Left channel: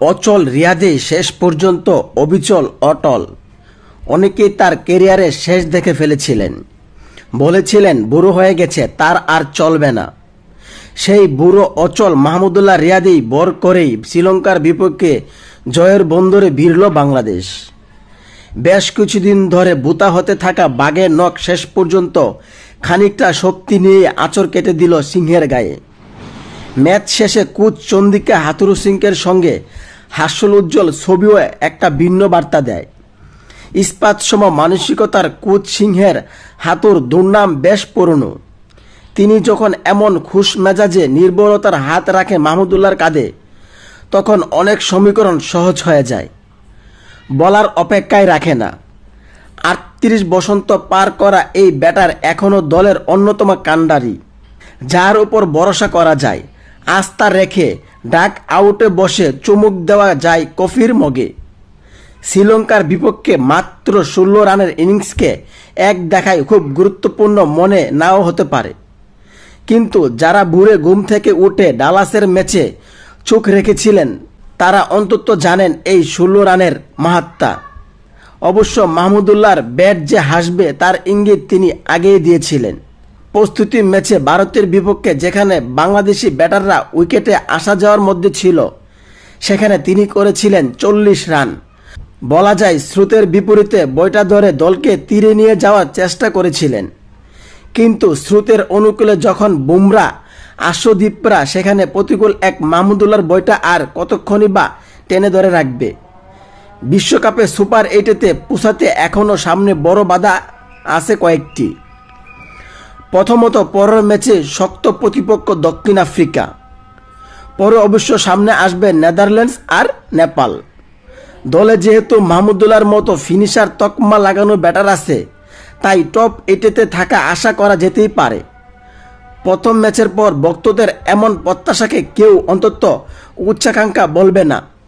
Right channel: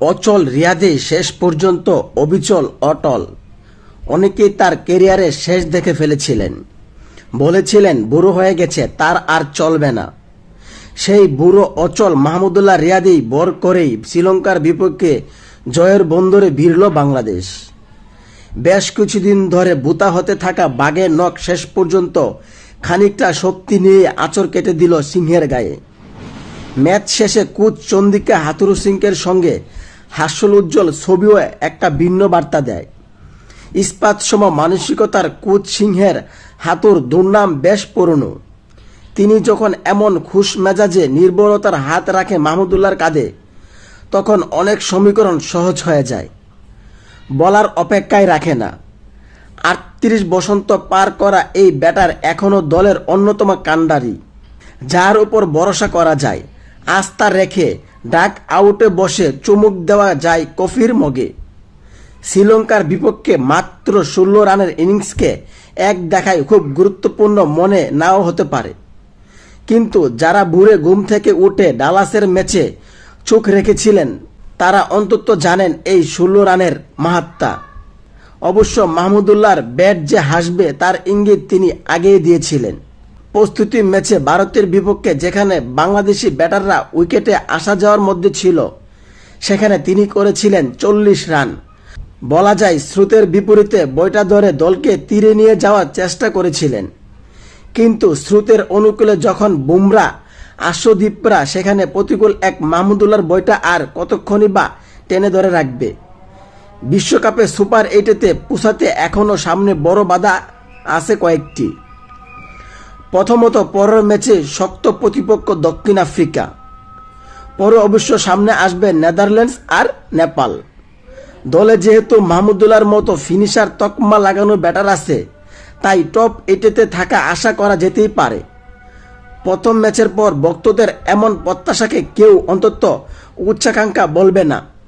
অচল রিয়াদে শেষ পর্যন্ত অবিচল অটল। অনেকেই তার ক্যারিয়ারের শেষ দেখে ফেলেছিলেন, বলেছিলেন বুড়ো হয়ে গেছে, তার আর চলবে না। সেই বুড়ো অচল মাহমুদুল্লাহ রিয়াদেই বর করেই শ্রীলঙ্কার বিপক্ষে জয়ের বন্দরে ভিড়ল বাংলাদেশ। বেশ কিছুদিন ধরে বুতা হতে থাকা বাঘের নখ শেষ পর্যন্ত খানিকটা শক্তি নিয়ে আঁচড় কেটে দিল সিংহের গায়ে। ম্যাচ শেষে কোচ চন্দিকা হাথুরু সিংহের সঙ্গে হাস্যোজ্জ্বল ছবিও একটা ভিন্ন বার্তা দেয়। ইস্পাত সম মানসিকতার কোচ সিংহের হাতুর দুর্নাম বেশ পুরনো। তিনি যখন এমন খুশ মেজাজে নির্ভরতার হাত রাখে মাহমুদুল্লাহর কাঁধে, তখন অনেক সমীকরণ সহজ হয়ে যায়, বলার অপেক্ষায় রাখে না। ৩৮ বসন্ত পার করা এই ব্যাটার এখনো দলের অন্যতম কাণ্ডারি, যার উপর ভরসা করা যায়, আস্থা রেখে ডাক আউটে বসে চুমুক দেওয়া যায় কফির মগে। শ্রীলঙ্কার বিপক্ষে মাত্র ১৬ রানের ইনিংসকে এক দেখায় খুব গুরুত্বপূর্ণ মনে নাও হতে পারে, কিন্তু যারা ভোরে ঘুম থেকে উঠে ডালাসের ম্যাচে চোখ রেখেছিলেন তারা অন্তত জানেন এই ১৬ রানের মাহাত্ম্য। অবশ্য মাহমুদুল্লাহর ব্যাট যে হাসবে তার ইঙ্গিত তিনি আগেই দিয়েছিলেন। প্রস্তুতি ম্যাচে ভারতের বিপক্ষে যেখানে বাংলাদেশি ব্যাটাররা উইকেটে আসা যাওয়ার মধ্যে ছিল, সেখানে তিনি করেছিলেন ৪০ রান। বলা যায় স্রোতের বিপরীতে বইটা ধরে দলকে তীরে নিয়ে যাওয়ার চেষ্টা করেছিলেন, কিন্তু স্রোতের অনুকূলে যখন বুমরা আশ্বদীপরা, সেখানে প্রতিকূল এক মাহমুদুল্লাহর বইটা আর কতক্ষণই বা টেনে ধরে রাখবে। বিশ্বকাপে সুপার ৮-তে পৌঁছাতে এখনো সামনে বড় বাধা আছে কয়েকটি। প্রথমত, পরের ম্যাচে শক্ত প্রতিপক্ষ দক্ষিণ আফ্রিকা, পরে অবশ্য সামনে আসবে নেদারল্যান্ডস আর নেপাল। দলে যেহেতু মাহমুদুল্লাহর মতো ফিনিশার তকমা লাগানো ব্যাটার আছে, তাই টপ ৮-তে থাকা আশা করা যেতেই পারে। প্রথম ম্যাচের পর ভক্তদের এমন প্রত্যাশাকে কেউ অন্তত উচ্চাকাঙ্ক্ষা বলবে না।